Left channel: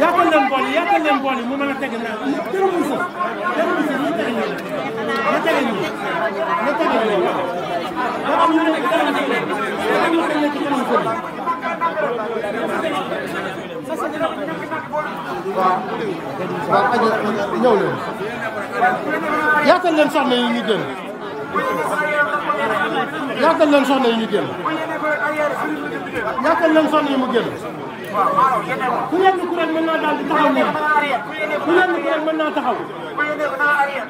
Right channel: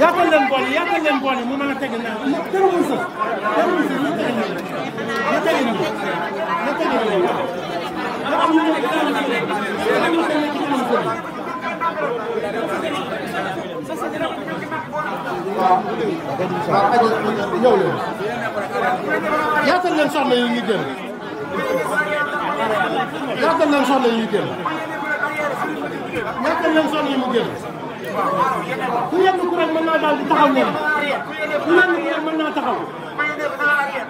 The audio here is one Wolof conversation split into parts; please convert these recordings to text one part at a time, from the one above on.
yaatal leen bool yi mu mën a tege naa terewul sa ñu tege nii na tege nii na tege nii da am ñu nekk waaw aja ñëw leen yaatal leen soxna yi ñu génn yaatal leen soxna yi ñu génn yaatal leen soxna yi mu génn ku yenn ku rek mën naa daal di taxaw neen ku yenn ku rek mën naa taxaw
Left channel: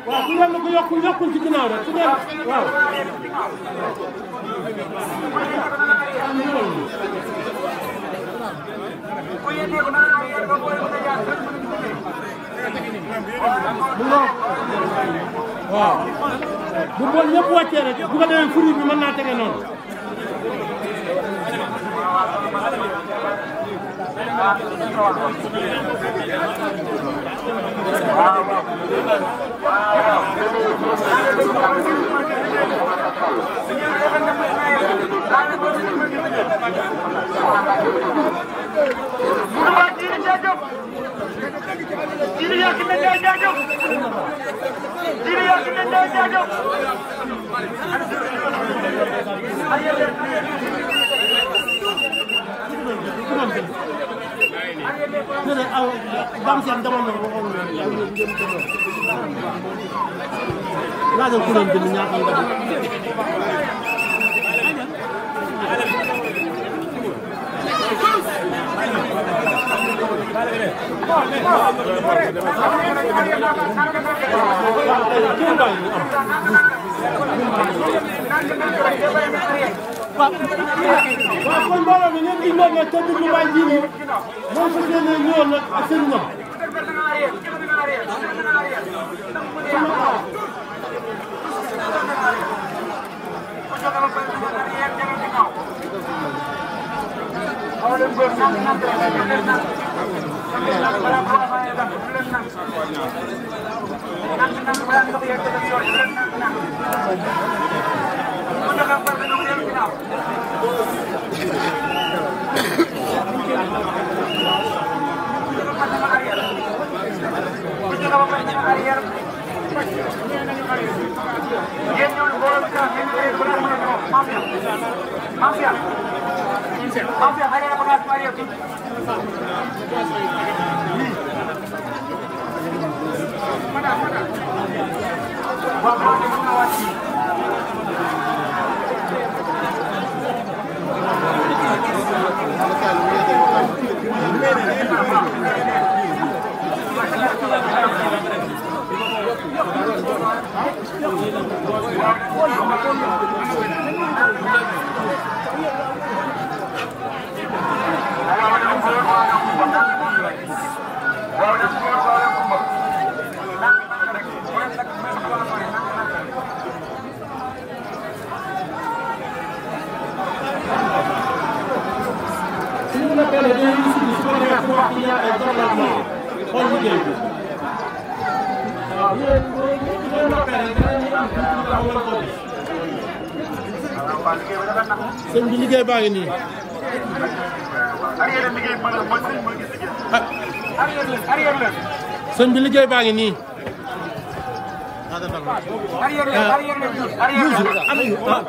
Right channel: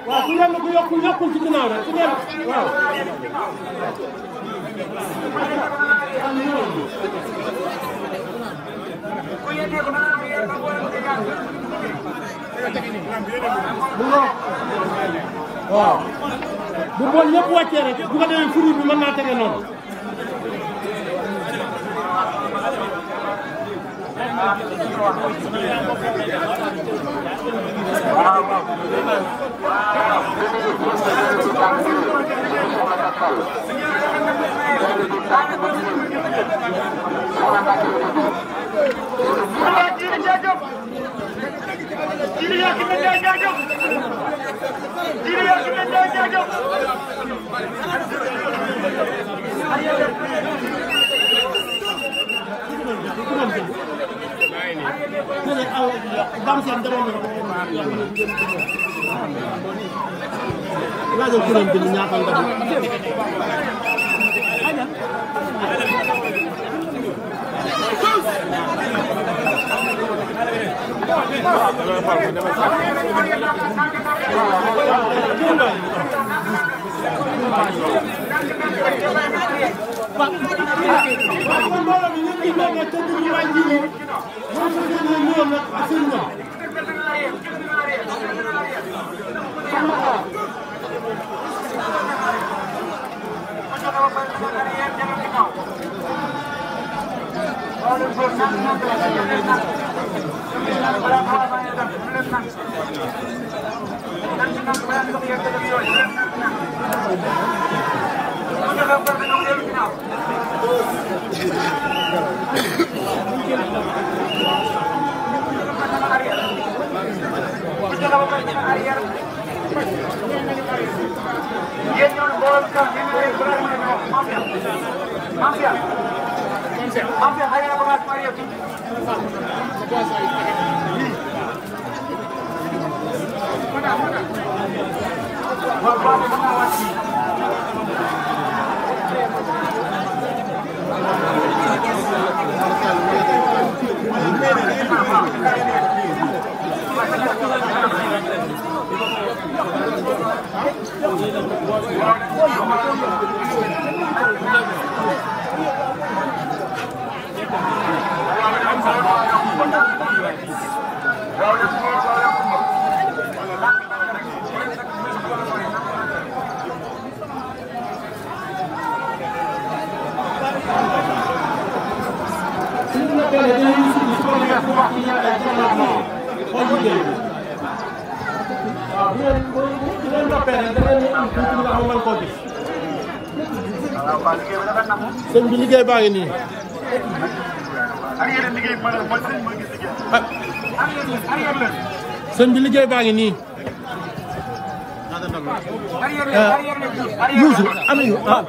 waaw ku yenn ku yokkul ci ginnaaw rek ku yenn waaw waaw bu bool yëpp wàccee rek bu ko defee furi bi mën naa tege noonu laajal kuréel bi ñaata ndam sëñ bi liggéey baa ngi nii sëñ bi liggéey baa ngi nii Youssou ana yu ah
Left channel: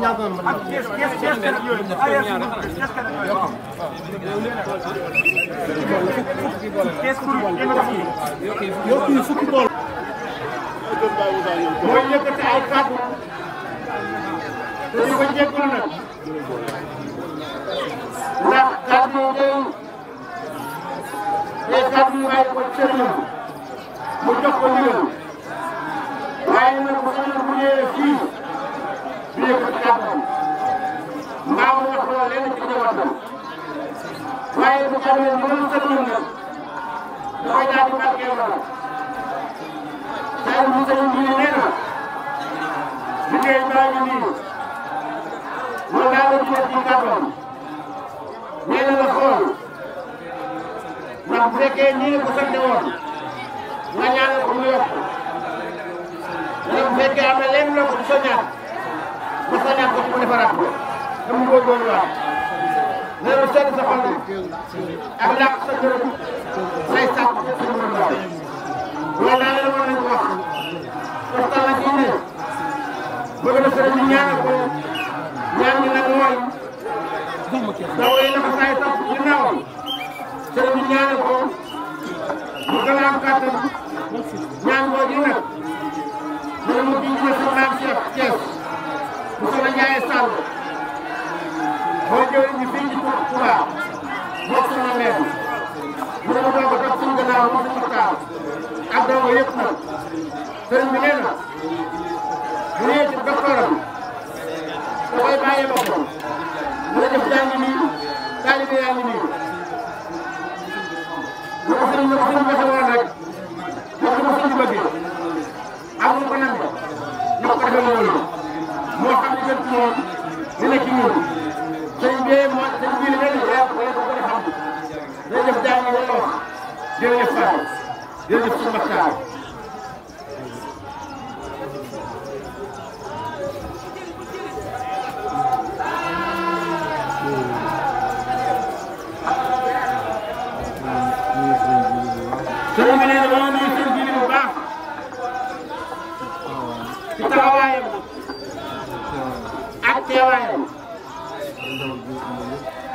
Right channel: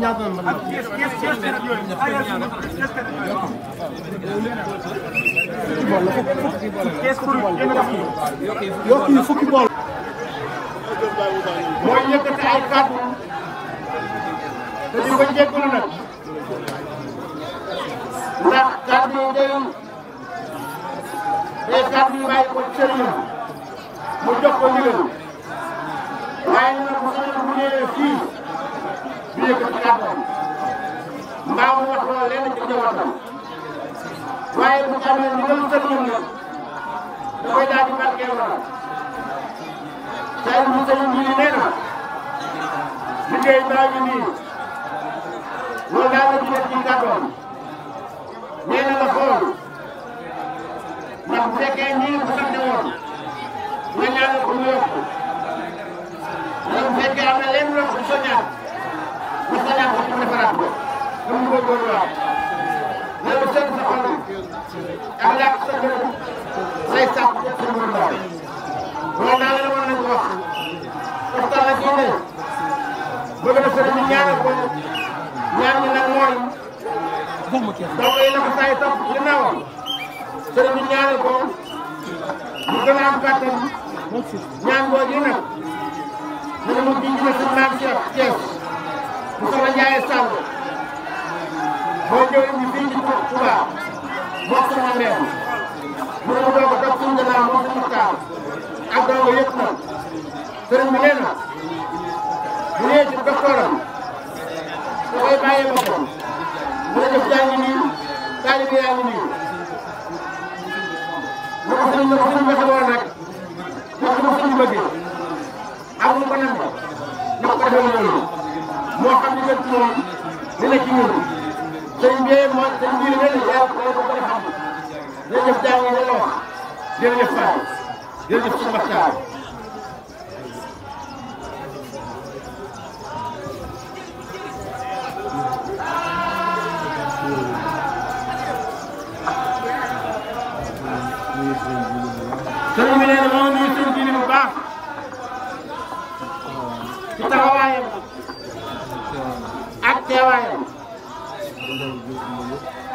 ñaata man yokk yi fukki bool mooy yëkkati ay kàddu te di ko jégalu nag ndax kàddu yi day kàddu yi bàyyi ko sëriñam mu jox ko ndigal waaye ñu ne ko sañoon bu ñëwee fii du yëkkati kàddoom mbaa mu wax loolu lenn ci njabootam waaye bu ñu amee ndigalu sëriñam nag da koy daal di màggee waral saa yu sëriñ bi nee na liggéey baa ngi nii loolu daal la ñu def ci kàddoom nee na nga xool ndax bu fekkee ñëw bu fekkee woon nga ñaanal ko mu ñoom fekkee am na lenn loo ko sa ñaan bu sa ñaan ko ci masaraat ko ñu mu bëgg ñu laaj loolu seen sa xol ak laaj sa borom lay sàpp sa borom laaj loolu daal la war nañ ko wax waxtaan na ci ne bëgg na sëriñ bi ñaanal ko ñaan gi nag mooy donc yi la ko saay topp ginnaawam sëriñ bi ñaanal ko mu gën a am kàttan ñaan googu nag dana mu bind ne sëñ Maam Cheikh Thiès mu soxla Ndiaye Sall boo jëwee ñu fii ci Touba moom soxna Mbène mu ne mu doog a topp suñ gannaaw moom suñ Maxtaar ak dongo yëpp nag sëriñ bi nee na bu ñëwee ci doctoram da koy bàyyee ba ko mën a jëf jaa ngi nii taalibe yaa ngi nii na ko sëñ waxe woon rek def na ko sëñ bi bëggee ak mu ko namee na ko defee loolu moo xam li gën ci moom li nekk ci ñun sëñ bi moo sëñ bii la nee na yàlla ko la ko gën a xam jërëjëf jaa ngi ne la wax jërëjëf Fatou jërëjëf suñu Maxtaar sëriñ bi nee na moom la ñu sëriñ bi bu baax ci taxawaayam ak teewaayam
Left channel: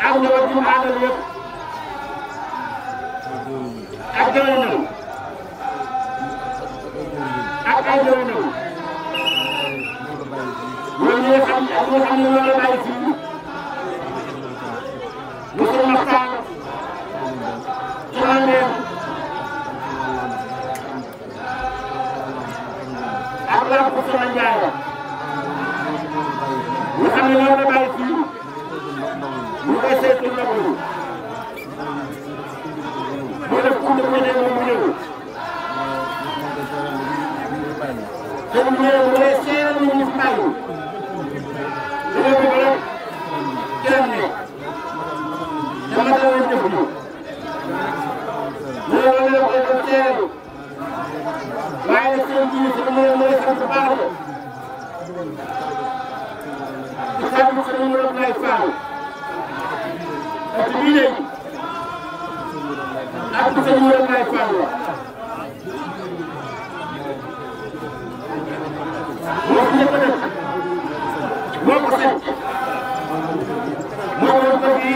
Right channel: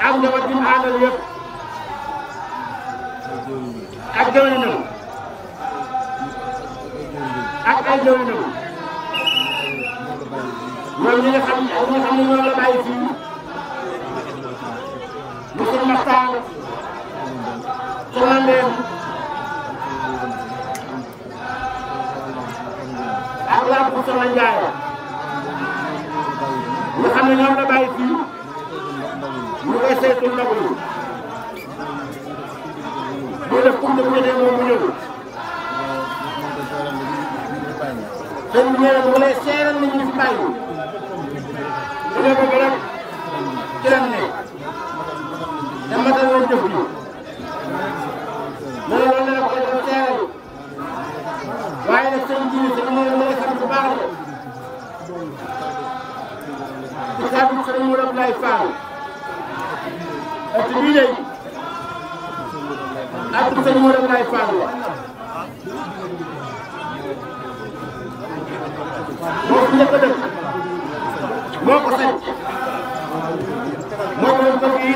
ak njaboot bi mu àndal yëpp ak jëwrinam ak ay jëwrinam ñoom ñi nga xam ne ñoom la bàyyi fii ñu sëñ Maxtaar soxna Mbène ak lamp bu sama Ndiaye ñu xam ne ñoom la bàyyi fii ñu koy saytu ndogu yi mu def comme que ne moom mu ñëw sëñ bi nee mu lay seeral ni ñu fi bàyyi su dee ba rek ci lañ ne te matal nañ jëf ji loolu loolu la koy doon seeral waaye nag sëñ bi mu lay sant bu baax de ci kàddu sëñ Mourou Abdoulaye Fall ak bii léegi ak sëñ Mourou Abdoulaye Fall moo fi njëkk a def moo ko sañ mooy moom kër gi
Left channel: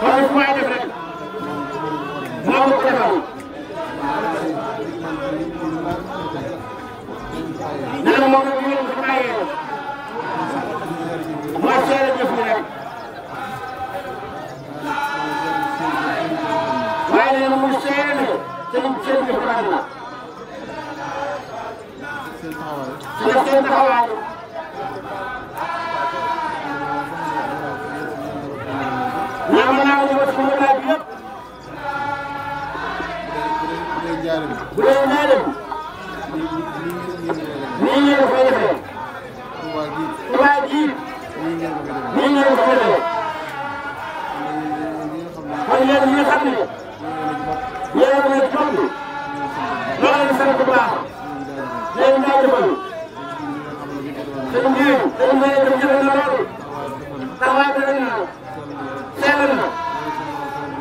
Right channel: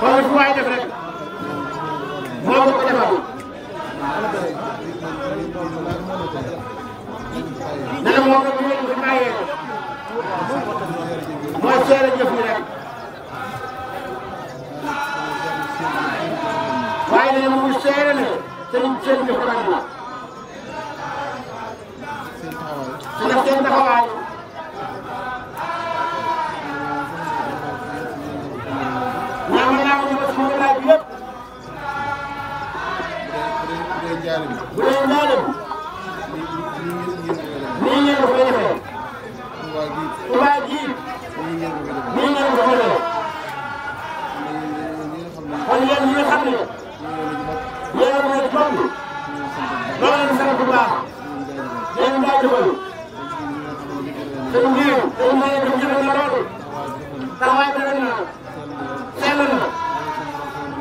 kon li waay def rek moo ko defal nee na moom nag ñu leen ko bàyyee mooy seere jëf yi rek waaye nee na mu ngi seere ne seen jëf rek la su def seen taxawaay naa mën naa ko ñëwaat sama laaj bi yëpp bu dee njaareem nii ngeen ko fay defee Touba gii nii ngeen ko fay defee kon yéen ñi nga xam ne yéen a ngi topp loolu la di sant bu baax di leen jaajëfal sëñ bi sëñ bi jëf jëfe na loolu taxawaay bi rek na sell na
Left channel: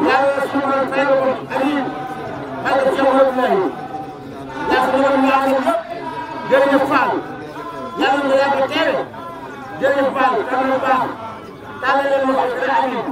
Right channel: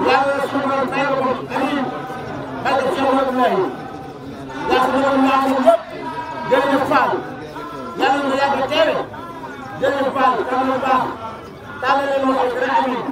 yàlla suñu borom fay ko amiin barke Cheikh Abdoulaye yàlla na ñu àndal yëpp jërëjëf Fall yàlla na yàgg a teewe jërëjëf Fall tànn bu baax tàllal leen loxo yi dana amiin